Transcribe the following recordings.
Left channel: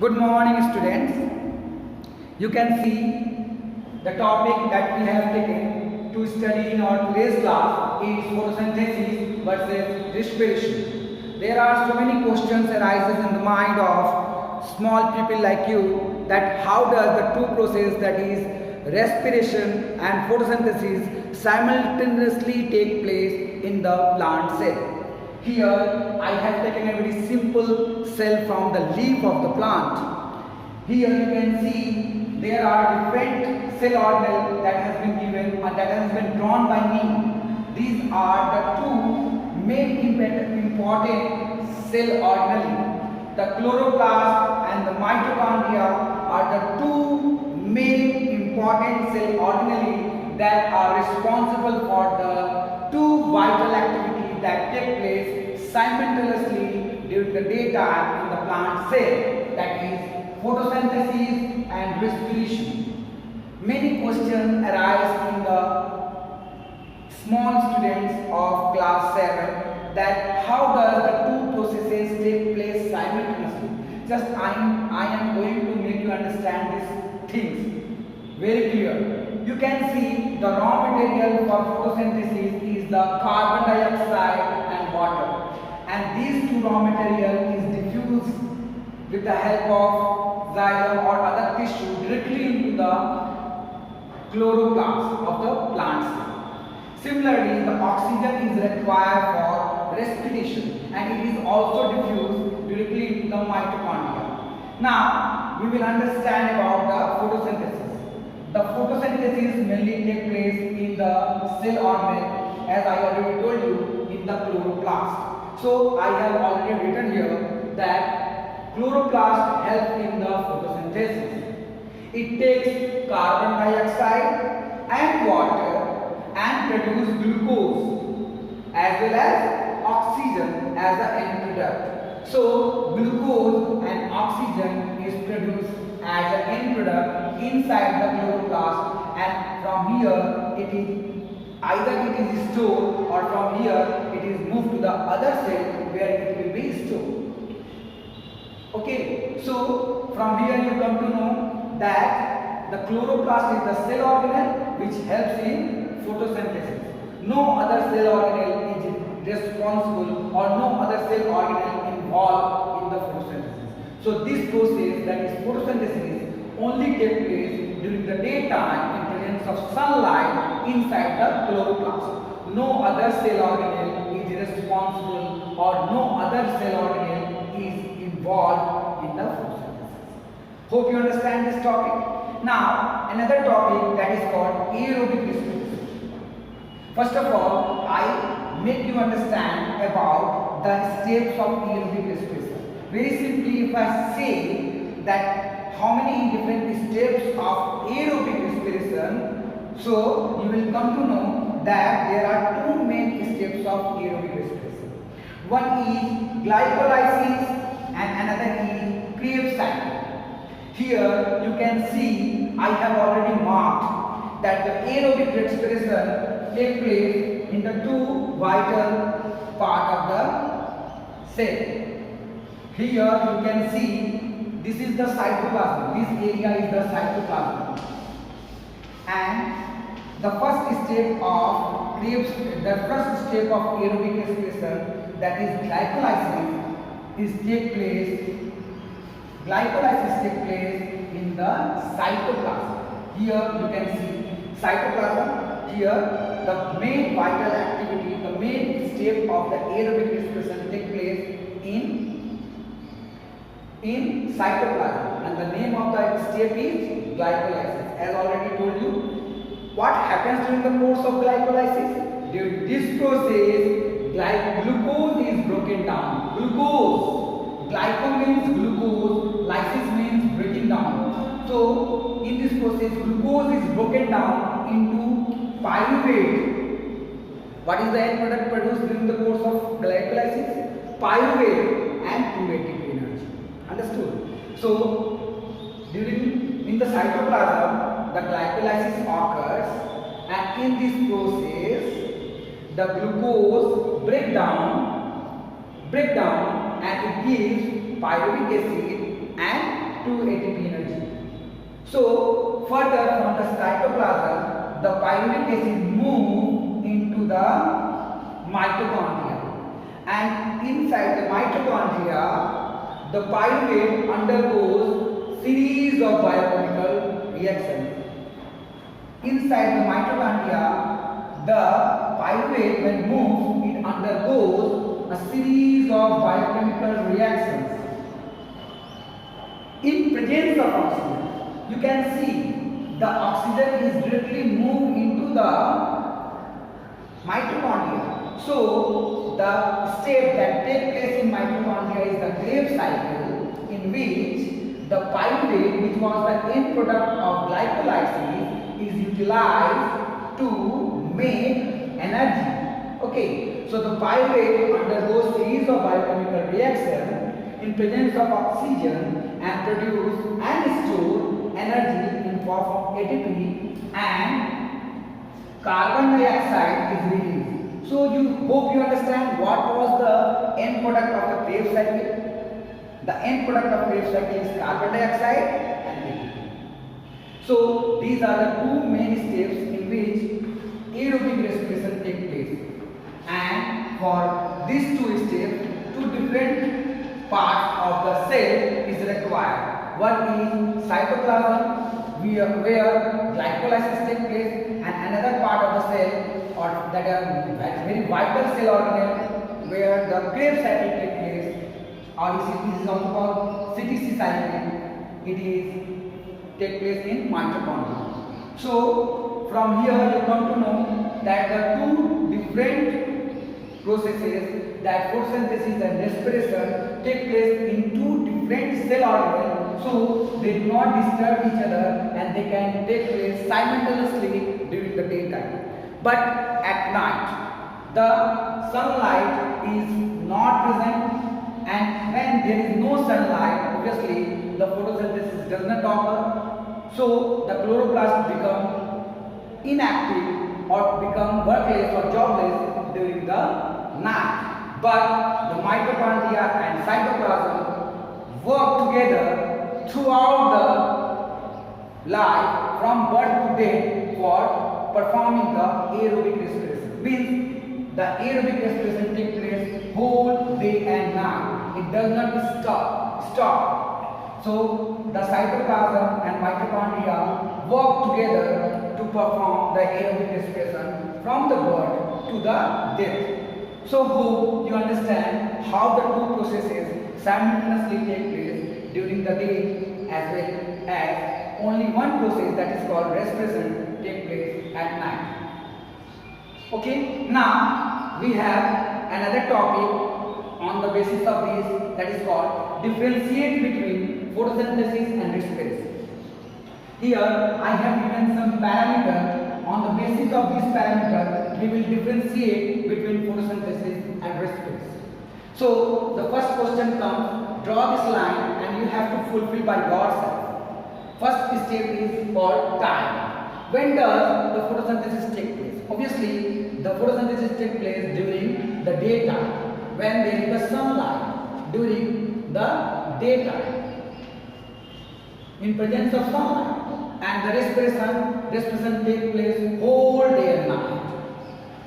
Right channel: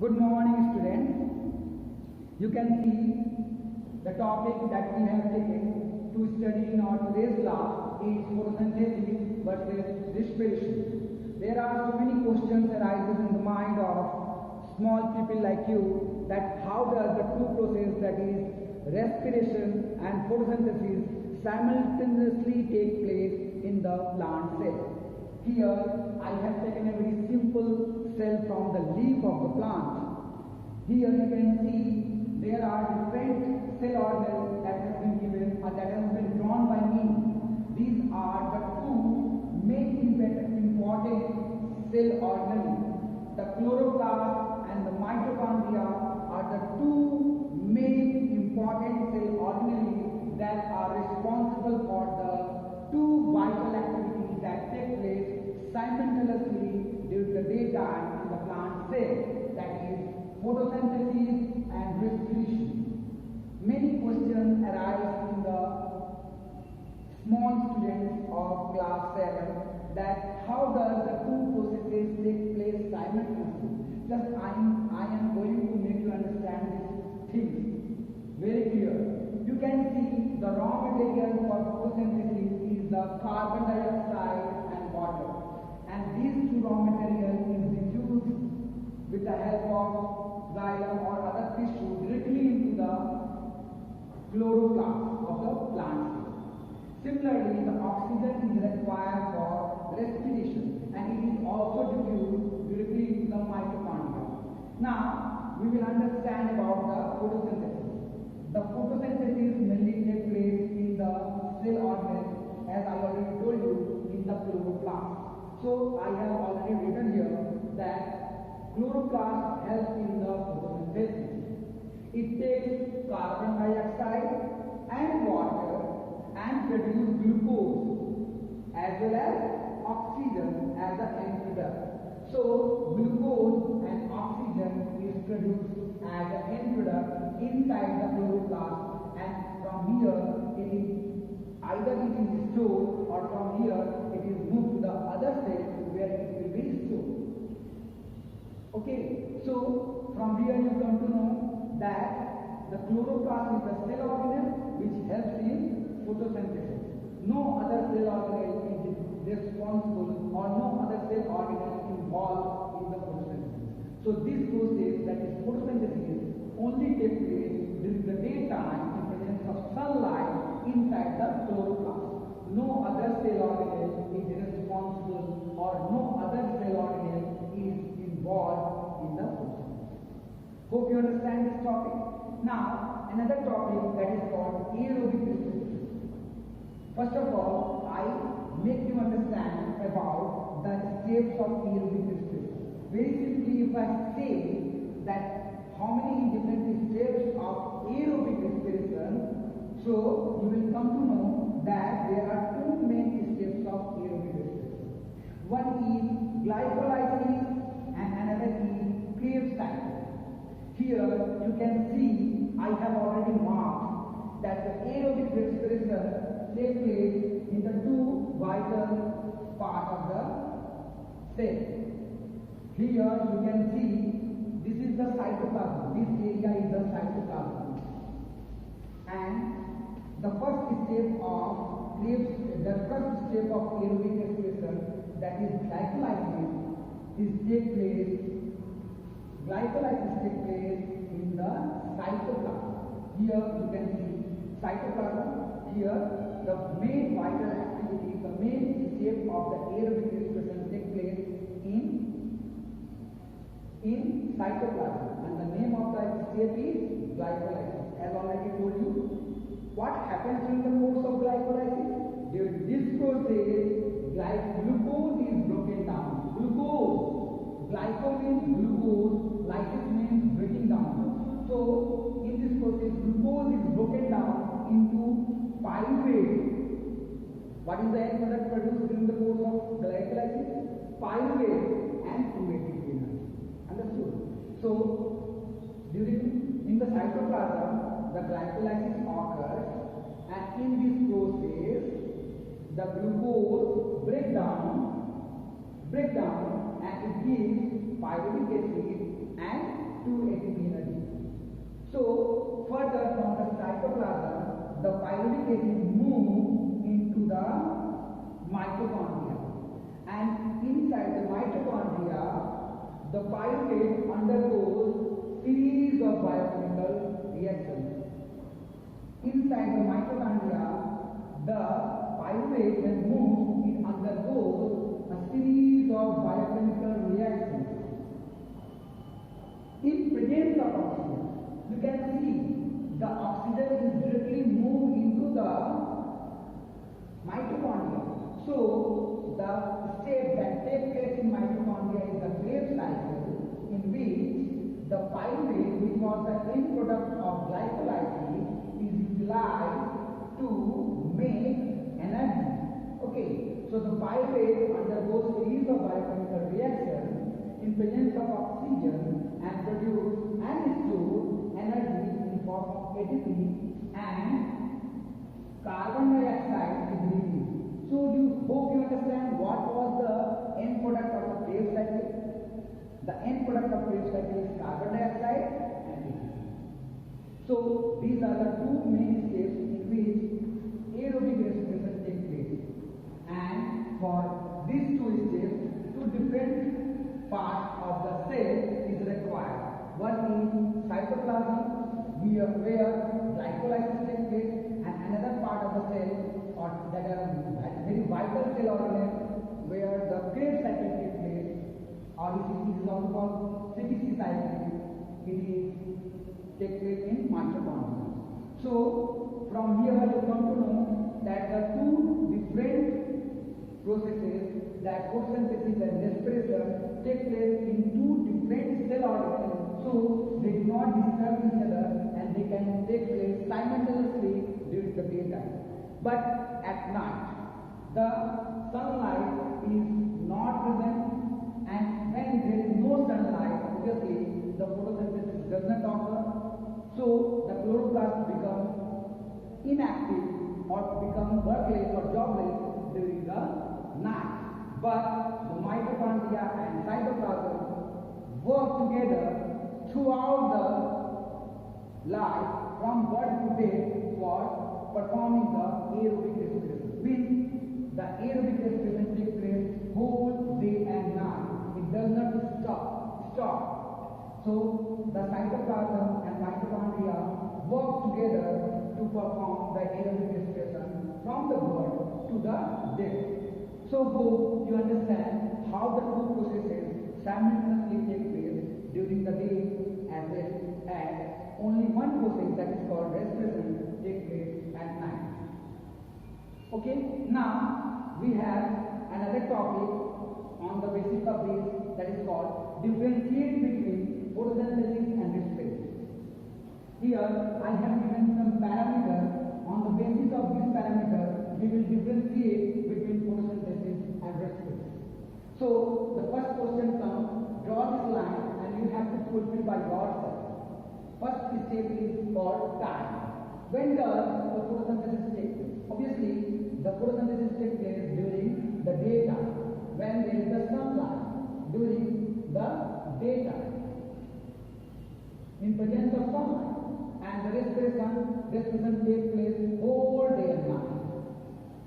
Good morning, students. You can see the topic that we have taken to study in our today's class is photosynthesis versus respiration. There are so many questions arises in the mind of small people like you that how does the two process, that is respiration and photosynthesis, simultaneously take place in the plant cell. Here I have taken a very simple cell from the leaf of the plant. Here you can see there are different cell organelles that has been given or that has been drawn by me. These are the two main important cell organelles. The chloroplast and the mitochondria are the two main important cell organelles that are responsible for the two vital activities that take place simultaneously during the daytime in the plant cell, that is photosynthesis and respiration. Many questions arise in the small students of class 7 that how does the two processes take place simultaneously. Just I am going to make you understand these things very clear. You can see the raw material for photosynthesis is the carbon dioxide and water, and these two raw material is diffused with the help of xylem or other tissue directly into the chloroplast of the plant cell. Similarly, the oxygen is required for respiration and it is also diffused directly into the mitochondria. Now, we will understand about the photosynthesis. The photosynthesis mainly takes place in the cell organelle, as I already told you, in the chloroplast. So I have already written here that chloroplast helps in the photosynthesis. It takes carbon dioxide and water and produces glucose as well as oxygen as the end product. So glucose and oxygen is produced as an end product inside the chloroplast, and from here it is stored, or from here it is moved to the other cell where it will be stored. Okay, so from here you come to know that the chloroplast is the cell organelle which helps in photosynthesis. No other cell organelle is responsible, or no other cell organelle involved in the photosynthesis. So this process, that is photosynthesis, only takes place during the daytime in presence of sunlight inside the chloroplast. No other cell organelle is responsible, or no other cell organelle is involved in the photosynthesis. Hope you understand this topic. Now, another topic that is called aerobic respiration. First of all, I make you understand about the steps of aerobic respiration. Very simply, if I say that how many different steps of aerobic respiration, so you will come to know that there are two main steps of aerobic respiration. One is glycolysis and another is Krebs cycle. Here you can see I have already marked that the aerobic respiration takes place in the two vital part of the cell. Here you can see this is the cytoplasm. This area is the cytoplasm, and the first step of aerobic respiration, that is glycolysis, takes place in the cytoplasm. Here you can see cytoplasm. Here the main vital activity, the main step of the aerobic respiration takes place in cytoplasm, and the name of the step is glycolysis. As already told you, what happens during the course of glycolysis? During this process, glucose is broken down. Glyco means glucose, lysis means breaking down. So in this process, glucose is broken down into pyruvate. What is the end product produced during the course of glycolysis? Pyruvate and kinetic energy. Understood? So in the cytoplasm, the glycolysis occurs, and in this process the glucose break down and it gives pyruvic acid and to ATP energy. So further from the cytoplasm, the pyruvic acid moves into the mitochondria, and inside the mitochondria, the pyruvate undergoes series of biochemical reactions. Inside the mitochondria, the pyruvate when moves, it undergoes a series of biochemical reactions. In presence of oxygen, you can see the oxygen is directly moved into the mitochondria. So the step that takes place in mitochondria is the Krebs cycle, in which the pyruvate, which was the end product of glycolysis, is utilized to make energy. Okay, so the pyruvate undergoes series of biochemical reactions in presence of oxygen and produce and store energy in form of ATP, and carbon dioxide is released. So you hope you understand what was the end product of the Krebs cycle. The end product of Krebs cycle is carbon dioxide and ATP. So these are the two main steps in which aerobic respiration takes place. And for these two steps, two different parts of the cell is required. One is cytoplasm, where glycolysis takes place, and another part of the cell, or that are very vital cell organelle, where the Krebs cycle takes place, or this is also called CTC cycle. It is take place in mitochondria. So from here you come to know that the two different processes, that photosynthesis and respiration, take place in two different cell organelles, so they do not disturb each other and they can take place simultaneously during the daytime. But at night, the sunlight is not present, and when there is no sunlight, obviously the photosynthesis does not occur. So the chloroplast become inactive or become workless or jobless during the night. But the mitochondria and cytoplasm work together throughout the life from birth to death for performing the aerobic respiration. Means the aerobic respiration takes place whole day and night. It does not stop. So the cytoplasm and mitochondria work together to perform the aerobic respiration from the birth to the death. So hope you understand how the two processes simultaneously take place during the day, as well as only one process, that is called respiration, take place at night. Okay, now we have another topic on the basis of this, that is called differentiate between photosynthesis and respiration. Here I have given some parameters. On the basis of these parameters, we will differentiate between photosynthesis and respiration. So the first question comes, draw this line and you have to fulfill by yourself. First step is called time. When does the photosynthesis take place? Obviously, the photosynthesis takes place during the daytime, when there is the sunlight, during the daytime, in presence of sunlight. And the respiration takes place whole day and night.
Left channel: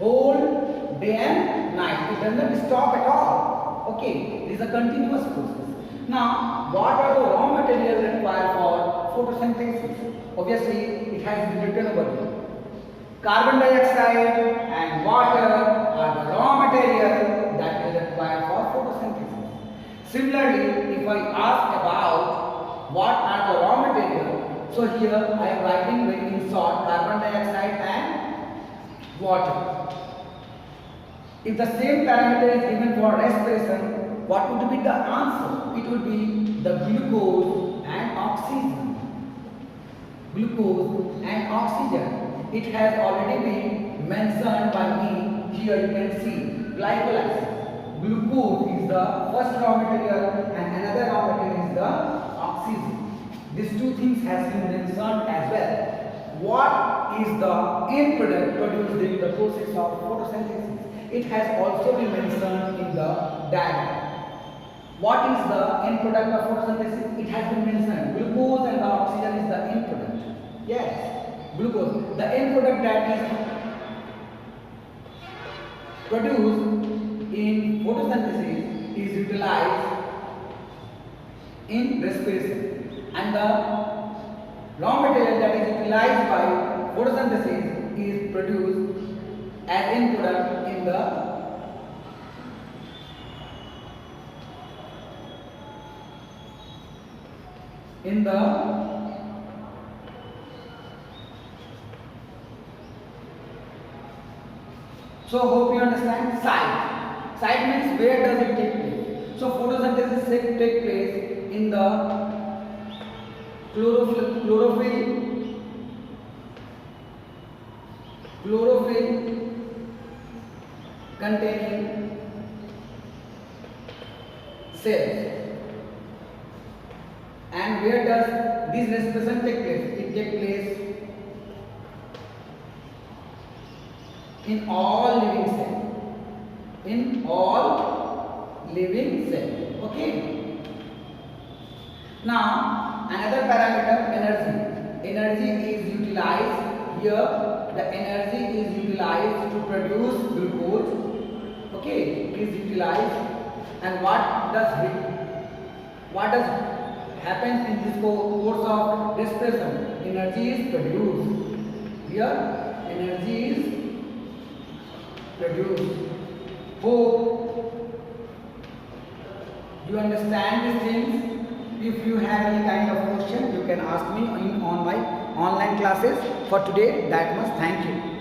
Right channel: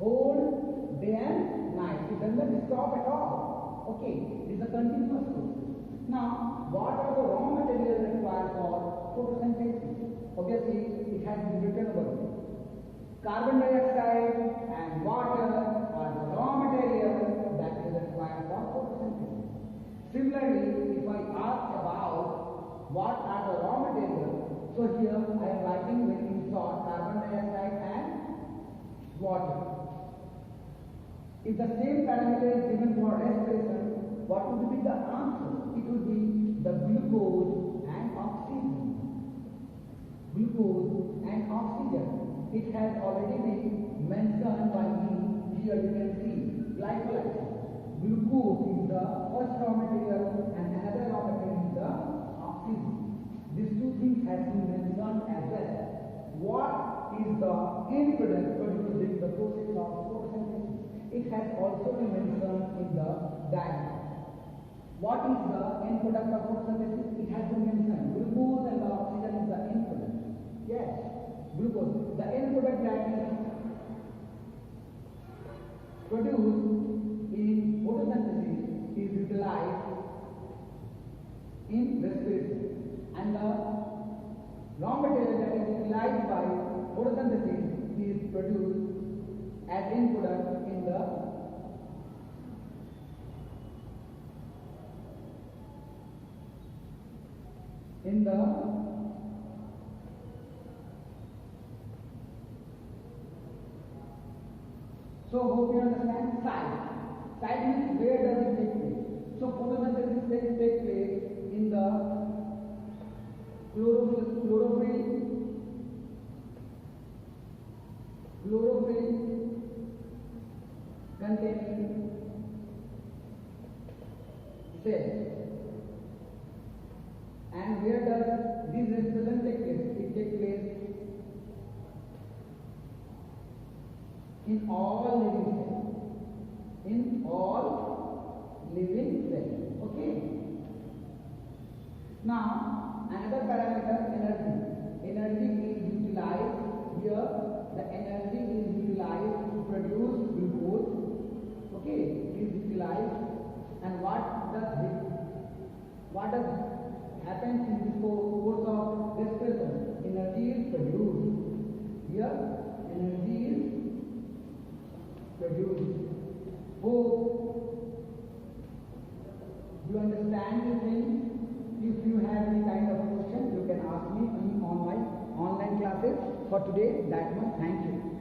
Whole day and night. It does not stop at all. Okay, it is a continuous process. Now, what are the raw materials required for photosynthesis? Obviously, it has been written over here. Carbon dioxide and water are the raw material that is required for photosynthesis. Similarly, if I ask about what are the raw materials, so here I am writing very in short, carbon dioxide and water. If the same parameter is given for respiration, what would be the answer? It would be the glucose and oxygen. Glucose and oxygen. It has already been mentioned by me. Here you can see glycolysis. Glucose is the first raw material and another raw material is the oxygen. These two things has been mentioned as well. What is the end product produced during the process of photosynthesis? It has also been mentioned in the diagram. What is the end product of photosynthesis? It has been mentioned. Glucose and the oxygen is the end product. Yes, glucose. The end product that is produced in photosynthesis is utilized in respiration, and the raw material that is utilized by photosynthesis is produced as end product in the so hope you understand. Site means where does it take place? So photosynthesis take place in the chlorophyll containing cells. And where does this respiration take place? It takes place in all living cells. In all living cells. Okay. Now another parameter, energy. Energy is utilized here. The energy is utilized to produce glucose. Okay, it is utilized. And what does happens in this course of respiration? Energy is produced. Here, energy is produced. Hope you understand these things. If you have any kind of question, you can ask me on my online classes. For today, that much. Thank you.